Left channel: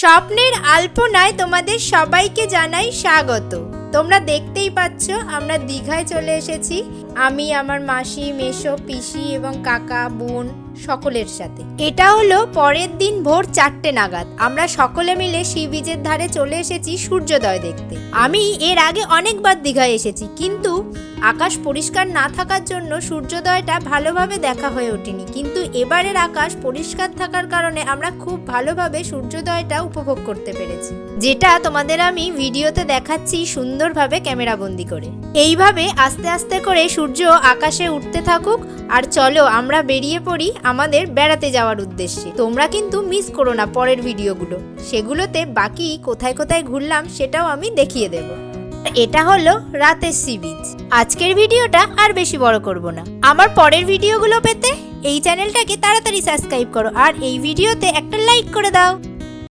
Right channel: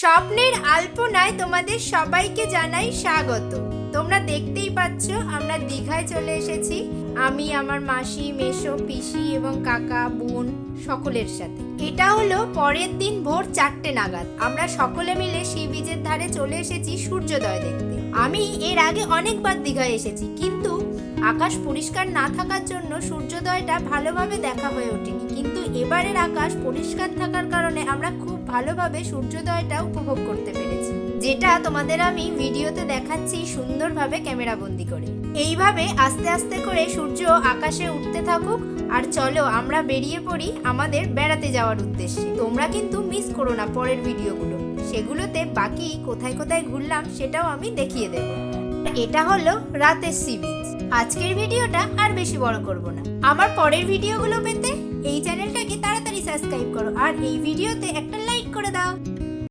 স্বপ্নের আলপনায় তোমাদের সবাইকে জানাই স্বাগত। তোমরা দেখতেই পাচ্ছ আমরা দীঘায় চলে এসেছি। আমি, আমার মাসি, মেসো, পিসি এবং কাকা, বোন সকলের সাথে। এটা হলো পরের দিন ভোর 4টে নাগাদ। আমরা সকলে মিলে সি বিচের ধারে চলে এসেছি সূর্যোদয় দেখতে। আমি এর আগে অনেকবার দীঘায় এসেছি, কিন্তু আকাশ পরিষ্কার না থাকার জন্য সূর্যোদয়টা ভালোভাবে দেখা হয়ে ওঠেনি। কিন্তু এবারের আকাশ পরিষ্কার থাকার কারণে আমরা খুব ভালোভাবে সূর্যোদয়টা উপভোগ করতে পেরেছি, যেটা তোমাদের আমি ভিডিওতে দেখাচ্ছি সুন্দরভাবে ক্যামেরাবন্দি করে। এইভাবে আস্তে আস্তে করে সূর্য আকাশে উঠতে থাকুক। আর চলো আমরা বেরিয়ে পড়ি আমাদের বেড়াতে যাওয়ার উদ্দেশ্যে। তোমরা কিন্তু মিস করো না পরের ভিডিওগুলো, সেগুলোতে বাকি কোথায় কোথায় ঘুরলাম সেটাও আমি দেখিয়ে দেবো। এটা হলো রাতের সি বিচ। আজকের ভিডিওটা আর বেশি বড় করব না। আমার পরের ভিডিওগুলো পেতে এই চ্যানেলটাকে তাড়াতাড়ি সাবস্ক্রাইব করো আর এই ভিডিওতে একটা লাইক করে দাও।